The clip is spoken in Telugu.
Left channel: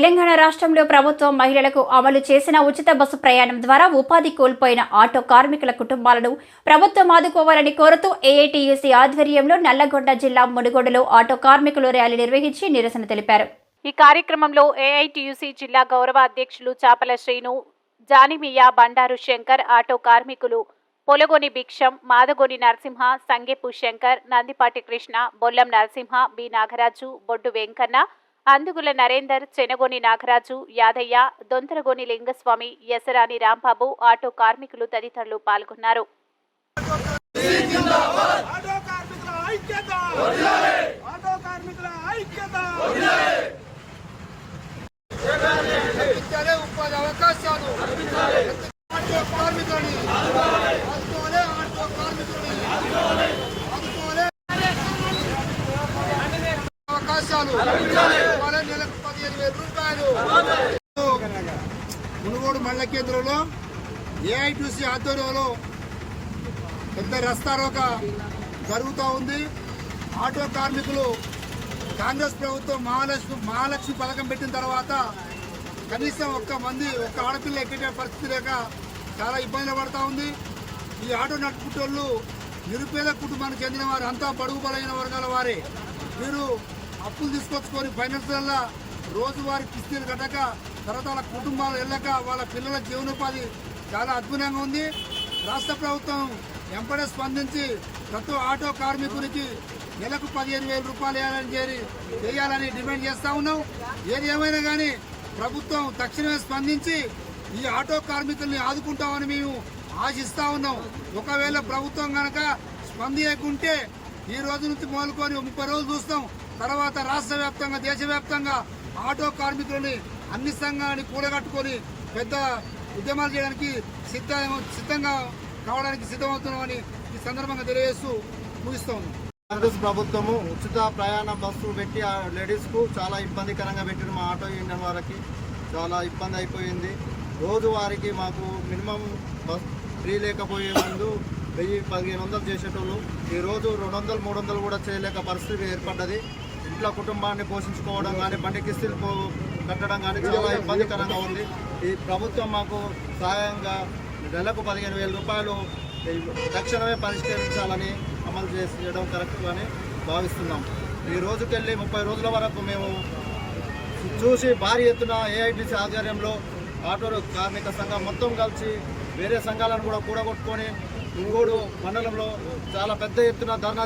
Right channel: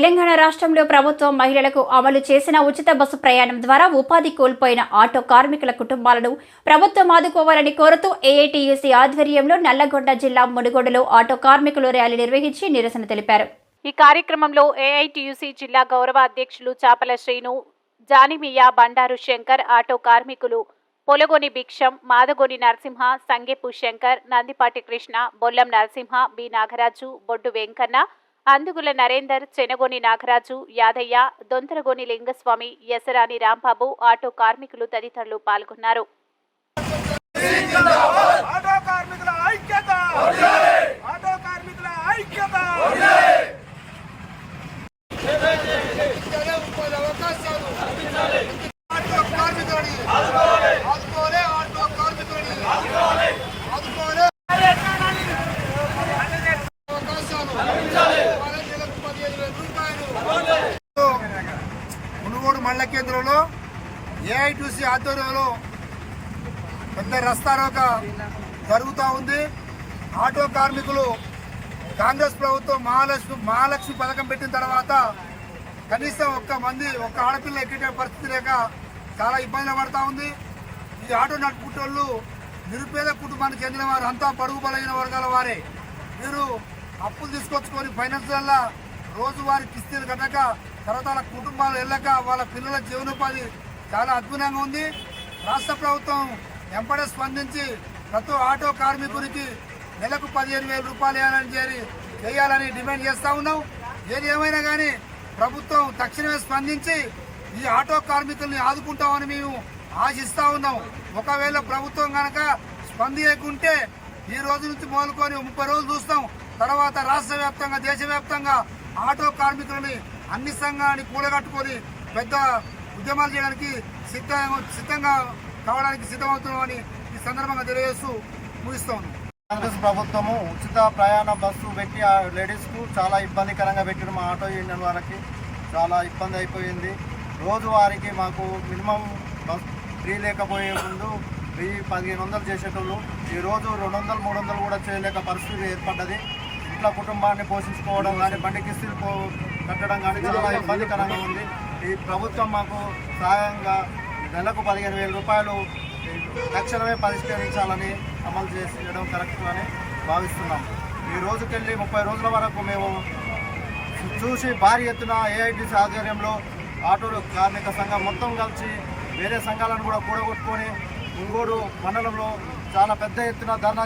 తెలంగాణ రాష్ట్రంలో ప్రభుత్వం మహిళలకు అమలు చేసిన ఉచిత బస్సు ప్రయాణం ద్వారా ఉపాధి కోల్పోయిన ఆటో కార్మికుల కుటుంబాలను ప్రభుత్వం ఆదుకోవాలని కోరుతూ ఏఐటీయూసీ ఆధ్వర్యంలో నల్లగొండ జిల్లా మునుగోడులో ఆటో కార్మికులు ర్యాలీ నిర్వహించి నిరసన తెలిపారు. ఈ కార్యక్రమంలో ఏఐటీయూసీ జిల్లా గౌరవ అధ్యక్షులు చాపల శ్రీను, జానిమియా, బండారు శంకర్, ఆటో కార్మికులు పొలగొని భిక్షం, మాదగొని నరసింహ, సంగెపు శంకర్, నందిపాటి కృష్ణ, బొల్లం నరసింహ, బి నాగరాజు, బొడ్డు వెంకన్న, అందుగుల నరేందర్, చెనగొని నాగరాజు, యాదయ్య, దొంతరగొని లింగస్వామి, యసరాని రాంబాబు, ఆటో కార్మికులు తదితరులు పాల్గొన్నారు. మునుగోడు మండల కేంద్రంలో ఏఐటీయూసీ ఆధ్వర్యంలో పెద్ద రస్తారోక జరుగుతూ ఉంది. ఆటో కార్మికులు కాంగ్రెస్ ప్రభుత్వం మహాలక్ష్మి పథకం పెట్టిన తర్వాత కనీసం ఒక్క ఆడపిల్ల ఎక్కే పరిస్థితి లేక చాలా ఇబ్బందులు పడుతూ ఉంది. ఈ ఆటో నడుపుకుంటోళ్ళు నిరుపేద కుటుంబానికి చెందిన వారు, అంతా బడుగు బలైన వర్గాల వారే. వీరు అప్పులు తీసుకొచ్చుకొని ఫైనాన్స్ వల్ల రోజువారీ కిస్తీలు కట్టక తర్వాత వాళ్ళ కుటుంబాలు వెళ్ళక వాళ్ళ పిల్లల జీవనోపాధి చాలా అద్భుతంగా ఉంది. రాష్ట్ర ప్రభుత్వం వెంపడే స్పందించి ప్రతి ఆటో కార్మికునికి నెలకు 15,000 రూపాయలు చేయాలని డిమాండ్ చేస్తూ ఉన్నాం. ఏది ఏమైనా కానీ ప్రభుత్వం తక్షణమే స్పందించి ఈ ఆటో కార్మికుల్ని ఆదుకుంటామని మేము ఆశిస్తా ఉన్నాం. ఒకవేళ ప్రభుత్వం కనుక స్పందించకుంటే ఈ రోజు నుంచి మొదలుకొని 30 రోజులు చూస్తాం. తర్వాత రాష్ట్ర వ్యాప్తంగా, దేశవ్యాప్తంగా ఆటో కార్మికులని అన్ని సంఘాన్ని కూడగట్టుకొని పెద్ద ఉద్యమాలు చేయడానికి సిద్ధంగా కావడానికి సిద్ధమవుతున్నామని ఈ సందర్భంగా తెలియజేస్తూ ముగిస్తా ఉన్నాం. కాంగ్రెస్ ప్రభుత్వము ఉచిత ప్రయాణ బస్సు పెట్టి ఆ లేడీస్కు చాలా ఇబ్బందికరంగా పెట్టిన మా ఆటో యూనియన్ వారికి చాలా ఇబ్బంది అయిపోయింది. రోజువారికి మాకు మినిమం బస్ ఫ్రీ లేకపోయే ముందు 1000-1500 చేసేటోళ్ళు ఈరోజు 200-300 కూడా చేయలేక పరిస్థితి ఏర్పడ్డది. ఇంట్లో కుటుంబాన్ని పోషించుకోవడం కానీ, బండి కిస్తీలు కట్టడం కానీ చాలా ఇబ్బందికరంగా ఉంది. ఈ ప్రభుత్వం మాకు సహాయంగా నెలకు 15,000 రూపాయలు తక్షణమే పరిష్కరించాలని అమలు చేయడం కరెక్ట్ అని భావిస్తున్నాం. ఈ రోజుకెళ్ళి 30 రోజుల వరకు మేము చూసి భారీ ఎత్తున ఏఐటీసీ ఆధ్వర్యంలో ఆటో కార్మిక సంఘం మొత్తం కలిసి వేరే సంఘాలను కూడా కూడగొట్టుకొని మునుగోడు మండలంలో చాలా పెద్ద ఎత్తున ధర్నా